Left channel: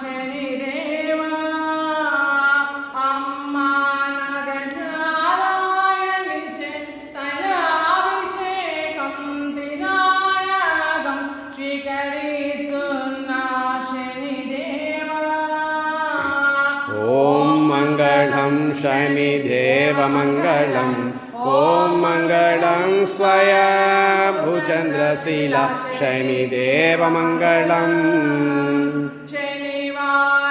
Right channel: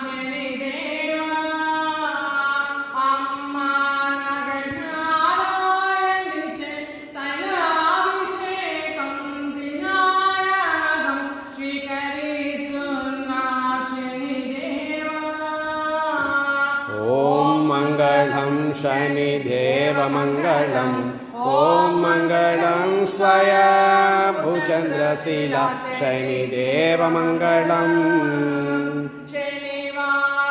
శనిదేవా అమ్మ నగనారాయణించే తైలాభిషేకం వినాయకం స్వీకరిస్తున్నా శనిదేవా. ఓం మంగళం శనిదేవ మంగళం. ఓం మంగళం స్వయంభుచంద్రశీల శనిదేవ మంగళం. శనివార